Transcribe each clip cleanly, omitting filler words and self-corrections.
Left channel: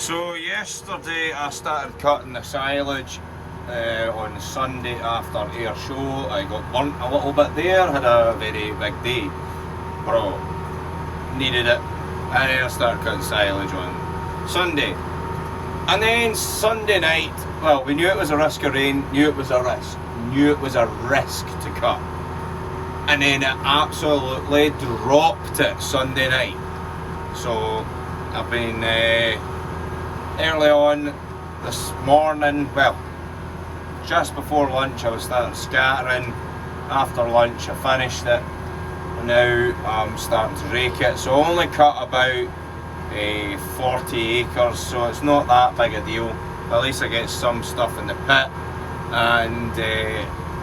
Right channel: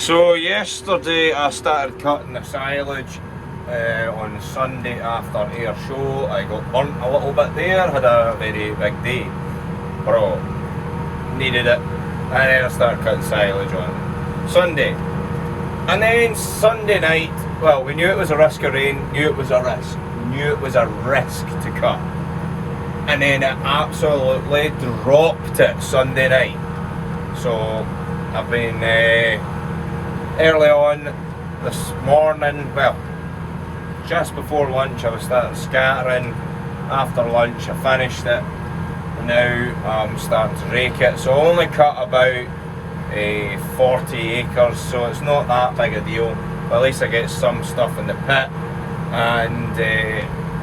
So yesterday I started cutting the silage on Sunday after air show. I got burnt a little bit there, had a very big day. Bro, needed it. And then I started cutting silage on Sunday. And then Sunday night, well, we knew it was a risk of rain, knew it was a risk. We knew it was a risk to cut. And then it absolutely dropped it Sunday night. So I've been early on this morning, well, just before lunch I was starting scattering. After lunch I finished it. And now I'm starting to rake it. So I only cut about 40 acres, so it's not that big a deal. But at least I get some stuff in the pit, and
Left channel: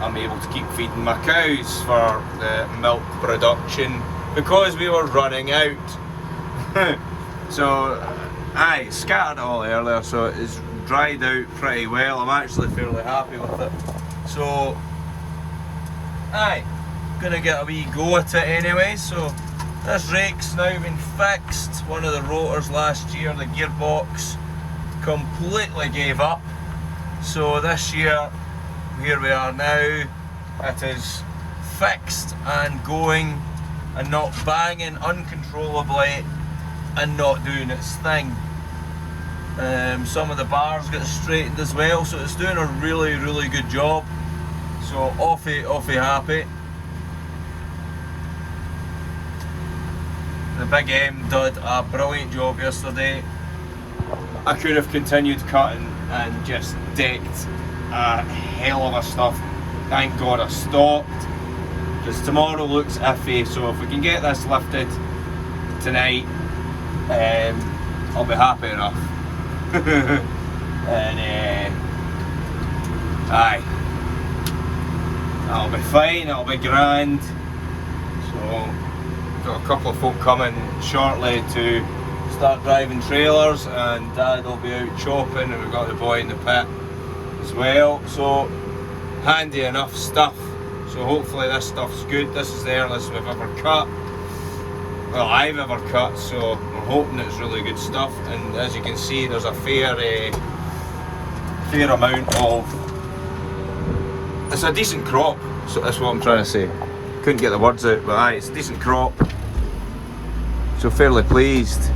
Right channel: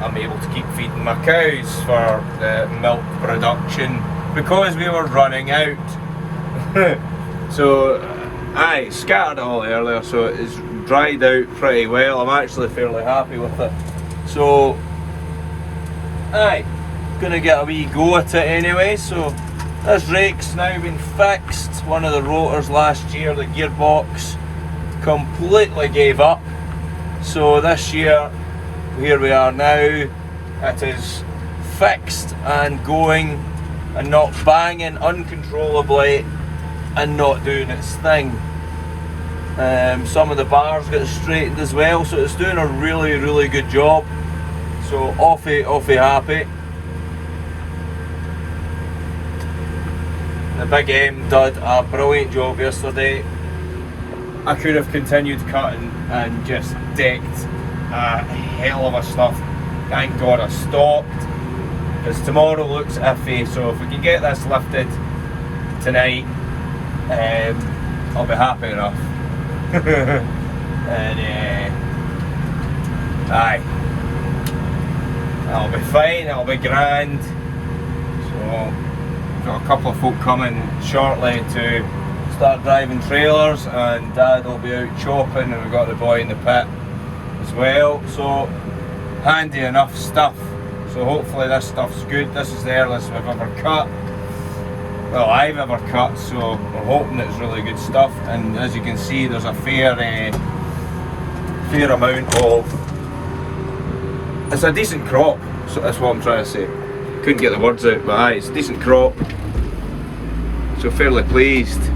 I'm able to keep feeding my cows for the milk production because we were running out. So I scattered it all earlier, so it's dried out pretty well. I'm actually fairly happy with it. So gonna get a wee go at it anyway. So this rake's now been fixed. One of the rotors last year, the gearbox, completely gave up. So this year, here we are now, it is fixed and going and not banging uncontrollably and not doing its thing. Some of the bars got straightened as well, so it's doing a really good job. So offy happy. The big M did a brilliant job yesterday. I could have continued cutting and just decked a hell of a stuff. Thank God I stopped, because tomorrow looks iffy. So if we can get this lifted tonight, I'll be happy enough. And I'll be fine, I'll be grand. So got a couple of folk coming shortly to start driving trailers, and Dad will be out chopping, and we've got the boy in the pit as well. So handy enough stuff. So hopefully this stuff's good. This is the earliest we've ever cut. Well, I've ever cut, so we're hoping it's really good stuff. And as you can see, there's a fair amount of, it's a decent crop, so that's what I'm trying to say. Couldn't get the words out, but it's a decent crop, so fairly pleased.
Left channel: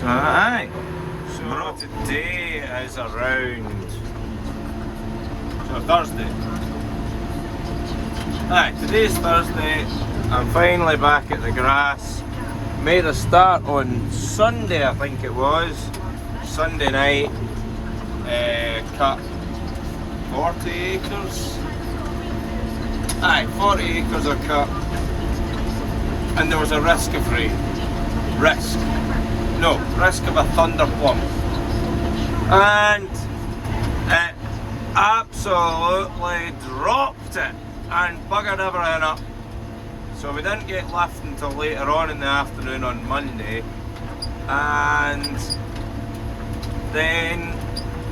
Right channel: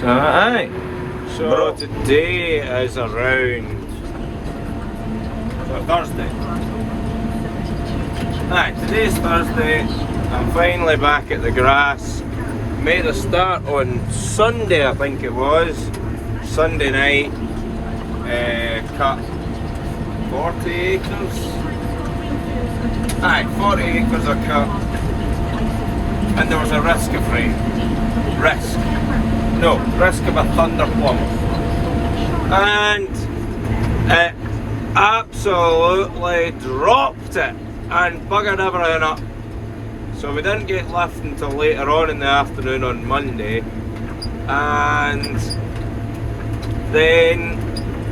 So today is around, so Thursday. Today's Thursday. I'm finally back at the grass. Made a start on Sunday, I think it was. Sunday night. Cut 40 acres. 40 acres of cut. And there was a risk of rain. Risk of a thundercloud. And it absolutely dropped it and buggered everything up. So we didn't get lift until later on in the afternoon on Monday, and then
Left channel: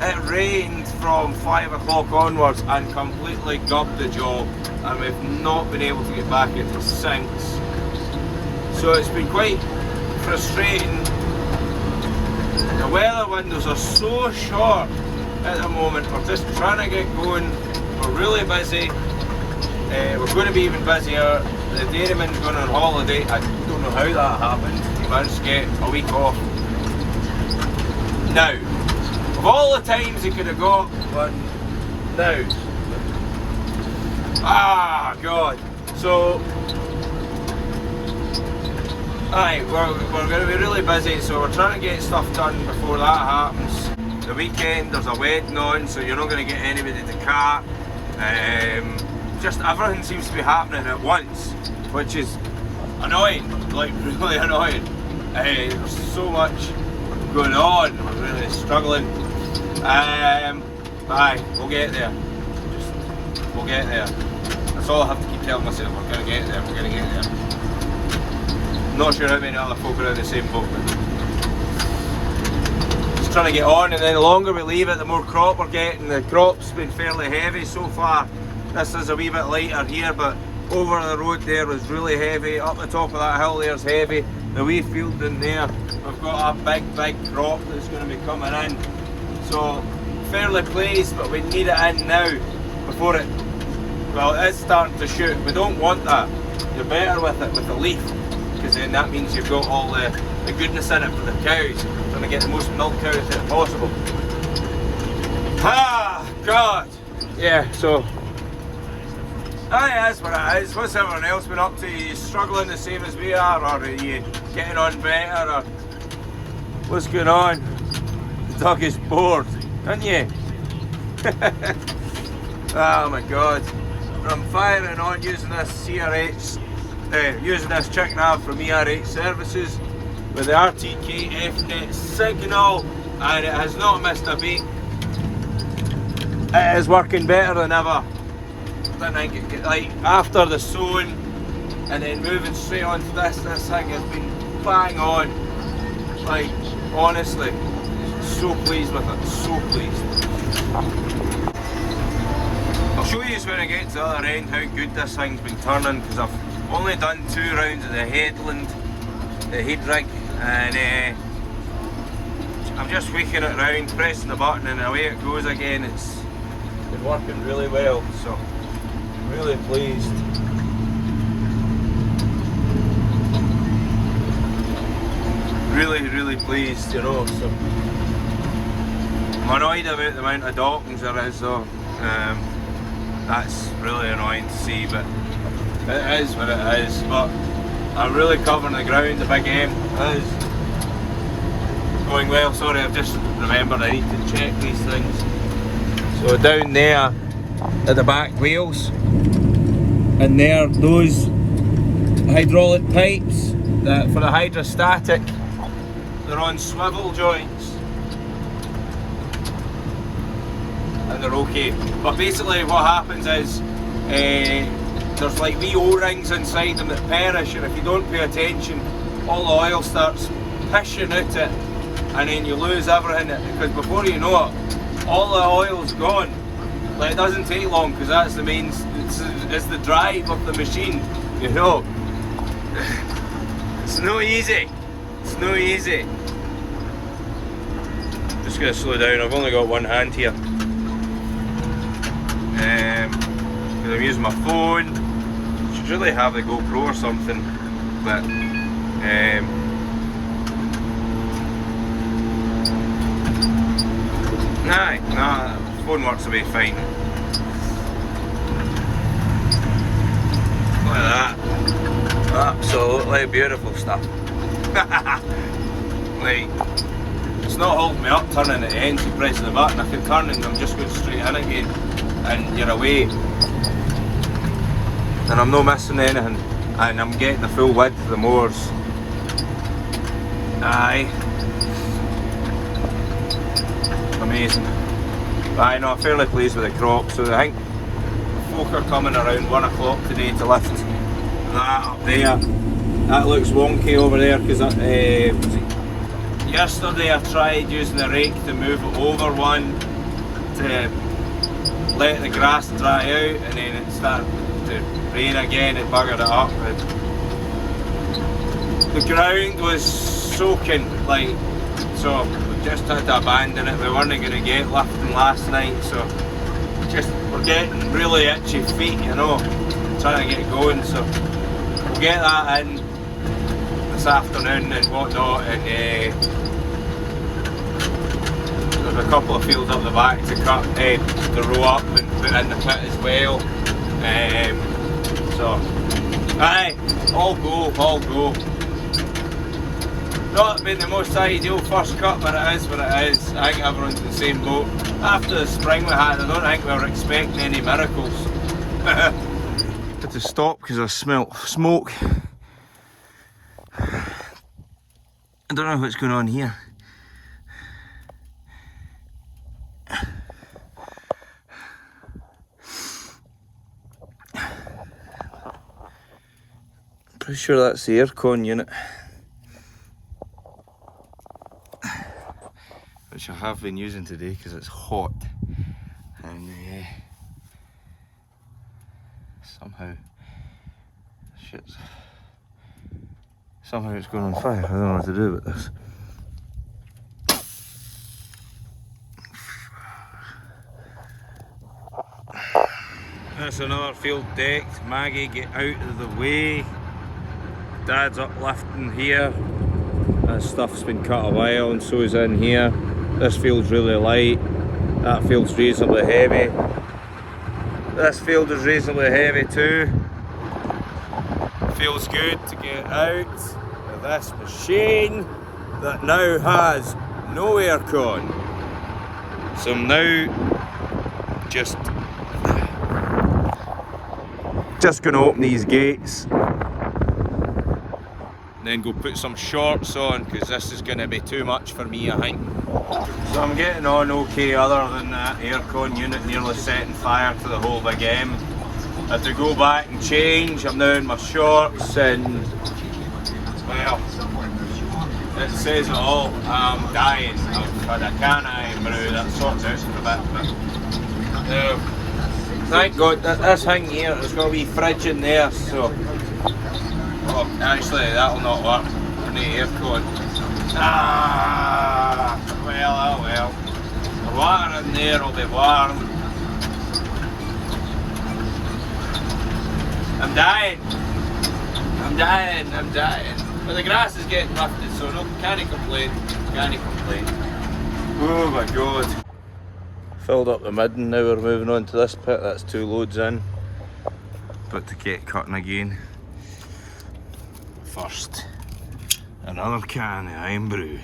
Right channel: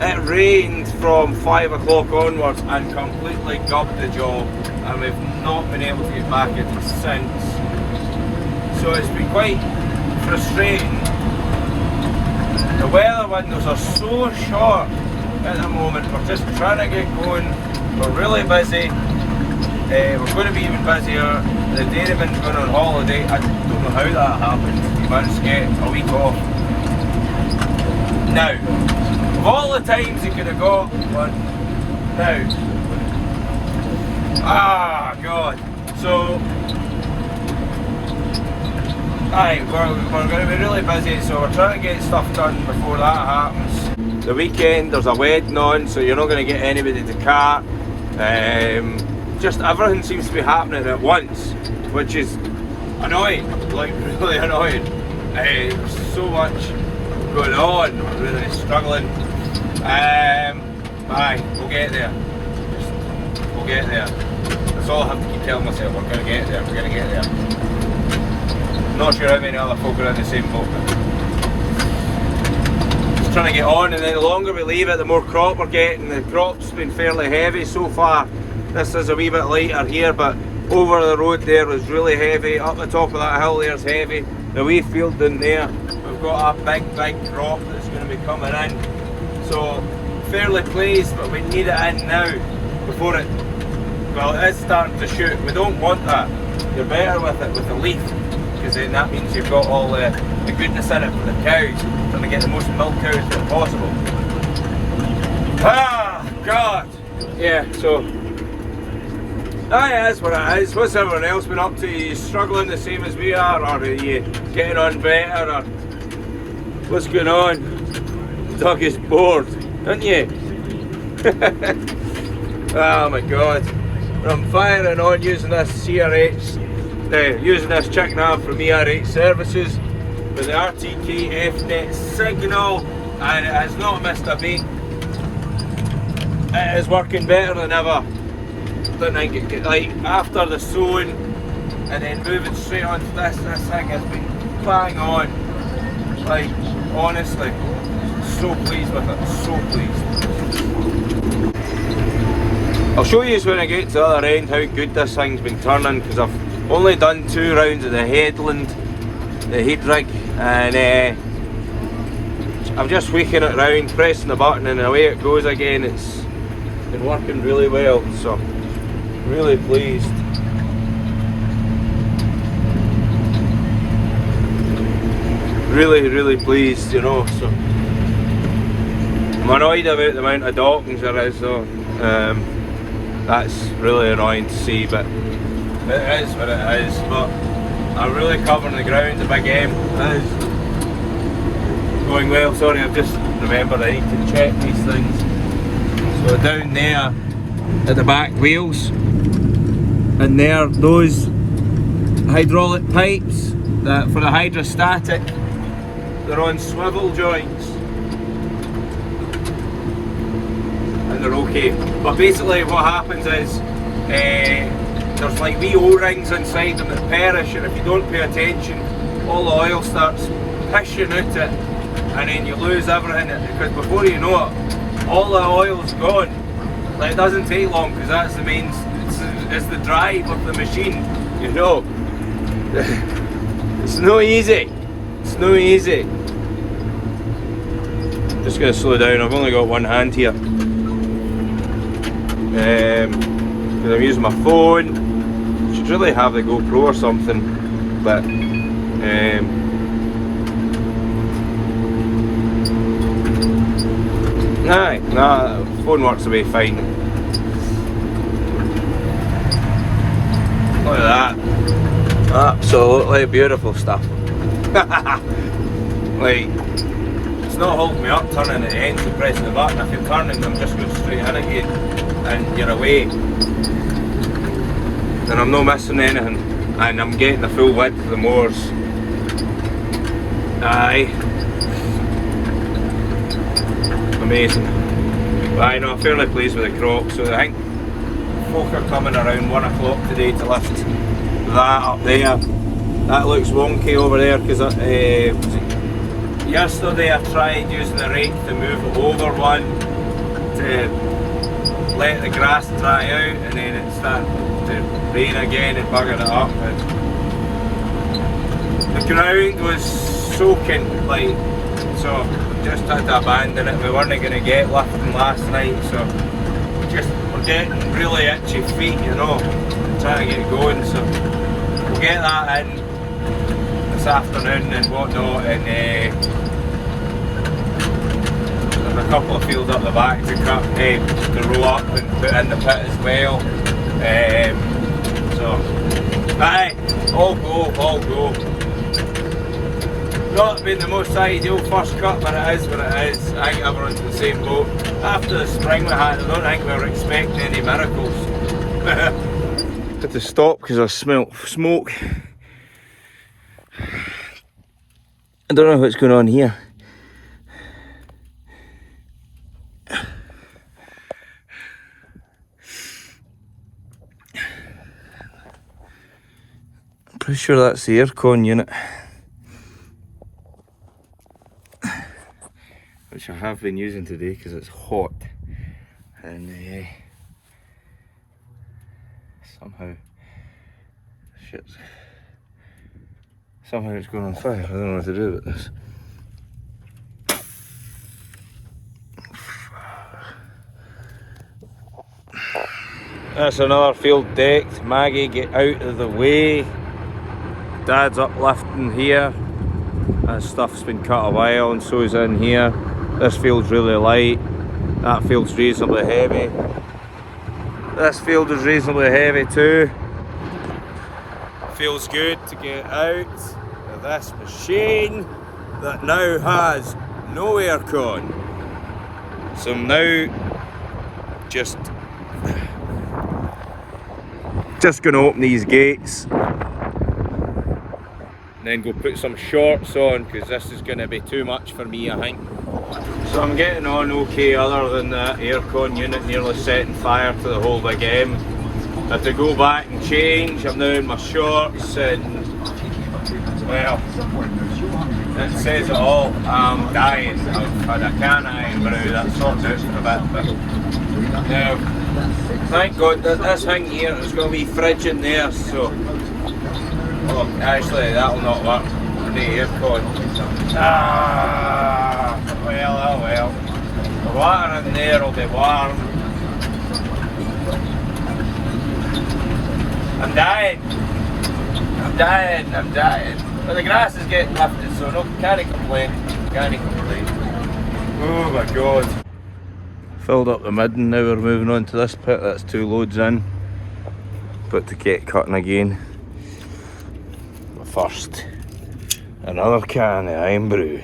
it rained from 5 o'clock onwards and completely gubbed the job, and we've not been able to get back at it since. So it's been quite frustrating. The weather windows are so short at the moment. We're just trying to get going. We're really busy. We're going to be even busier. The dairyman's gone on holiday. I don't know how that happened. He managed to get a week off. Now, of all the times he could have got one, now. God. So, we're going to be really busy, so we're trying to get stuff done before that happens. The weekend, there's a wedding on, so you're not going to get anybody to cut. Just everything seems to be happening at once, which is annoying, like really annoying. There's so much going on, we're really struggling. We'll get there. We'll get there. That's all I have to keep telling myself. We're going to get there, we're going to get there. Not sure how many other folk are in the same boat. Just trying to get on, and then the longer we leave it, the more crop we're getting. The crop's been fairly heavy so far. This is a wee bit lighter here, but over the road there was really heavy. Up the top of that hill there's heavy. the wee field in there, we've got a big crop that's going to be coming in. So fairly pleased, but we need it in now before it, well, it is starting to shoot. We don't want that. You're better with it with the leaf, because then that means you've got all the goodness in it for the cows. Trying to get the most milk out of it possible. Ah, God! Yeah, so that's what it is. What's everyone else been up to? Are you struggling the same as we are, or are you getting on better, or what's going on? The dog is bored, aren't you? Oh my God. I'm firing on using this CRH, using this chick nav from ERH Services with the RTK FNet signal, and it has not missed a beat. It is working better than ever. Didn't think it could, like, after the sowing and then moving straight onto this thing has been bang on. Like, honestly, so pleased with it, so pleased. I'll show you when I get to the other end how good this thing's been turning, because I've only done 2 rounds of the headland, the heat rig, and I'm just tweaking it round, pressing the button, and away it goes again. It's been working really well, so really pleased. Really pleased, you know. So I'm annoyed about the amount of dockings there is though. That's really annoying to see, but it is what it is. But I'm really covering the ground. The big M is going well. Sorry, I've just remembered I need to check these things. So down there at the back wheels, and there, those hydraulic pipes that for the hydrostatic, they're on swivel joints and they're okay. But basically what happens is there's like wee O-rings inside them that perish, and if you don't pay attention, all the oil starts pishing out it, and then you lose everything, because before you know it, all the oil's gone. Like, it doesn't take long, because that's the main, it's the drive of the machine, you know. It's no easy. It's no easy. Just gonna slow down. I've only got one hand here. Because I'm using my phone. Should really have the GoPro or something, but nah, the phone works away fine. Look at that. Absolutely beautiful stuff. Like, it's not holding me up turning at the end to press the button. If you're turning, I'm just going straight in again, and you're away. And I'm not missing anything, and I'm getting the full width of the moors. Aye. Amazing. But I know, I'm fairly pleased with the crop, so I think folk are coming around 1 o'clock today to lift that up there. That looks wonky over there, because yesterday I tried using the rake to move it over one to let the grass dry out, and then it started to rain again and buggered it up. And the ground was soaking, like, so we just had to abandon it. We weren't going to get lifting last night, so just we're getting really itchy feet, you know, trying to get going. So we'll get that in this afternoon and whatnot, and a couple of fields up the back to cut the row up and put in the pit as well. So aye, all go. Not been the most ideal first cut, but it is what it is. I think everyone's in the same boat. After the spring we had, I don't think we were expecting any miracles. Had to stop because I smelt smoke. I don't know what's going on here. I'm pretty sure that's the aircon unit, which I have been using today because it's hot, and Somehow it's going on fire. I don't know what to do with this. That's another field decked. Maggie, get out of the way. Dad's uplifting here. That stuff's been cut a while, and so is in here. This field's really light. That field's reasonably heavy. This field is reasonably heavy too. Feels good to get out of this machine that now has no aircon. So I'm now just going to open these gates, then go put some shorts on, because this is going to be too much for me, I think. So I'm getting on okay, other than the aircon unit nearly setting fire to the whole big M. I had to go back and change. I'm now in my shorts, and well, it says it all. I'm dying. I've had a can of brew that sorts out for a bit, but no. Thank God that this thing here has got a wee fridge in there, so oh, actually that'll not work. I need aircon. Ah, well, oh well. The water in there will be warm. I'm dying. I'm dying. But the grass is getting lifted, so no, can't complain. Oh my God. Filled up the midden, now we're moving on to this pit. That's 2 loads in. But to get cutting again. But first, another can of iron brew.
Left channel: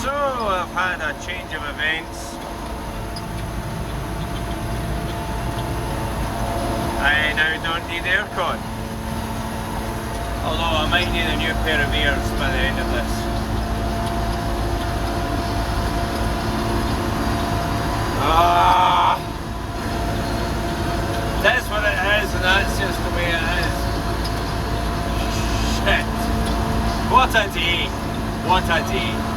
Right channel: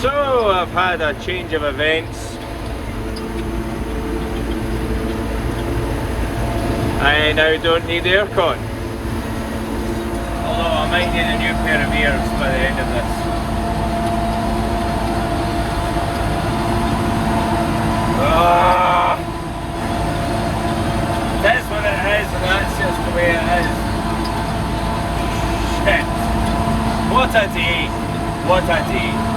So I've had a change of events. I now don't need aircon. Although I might get a new pair of ears by the end of this. That's what it is, and that's just the way it is. Shit. What a day! What a day!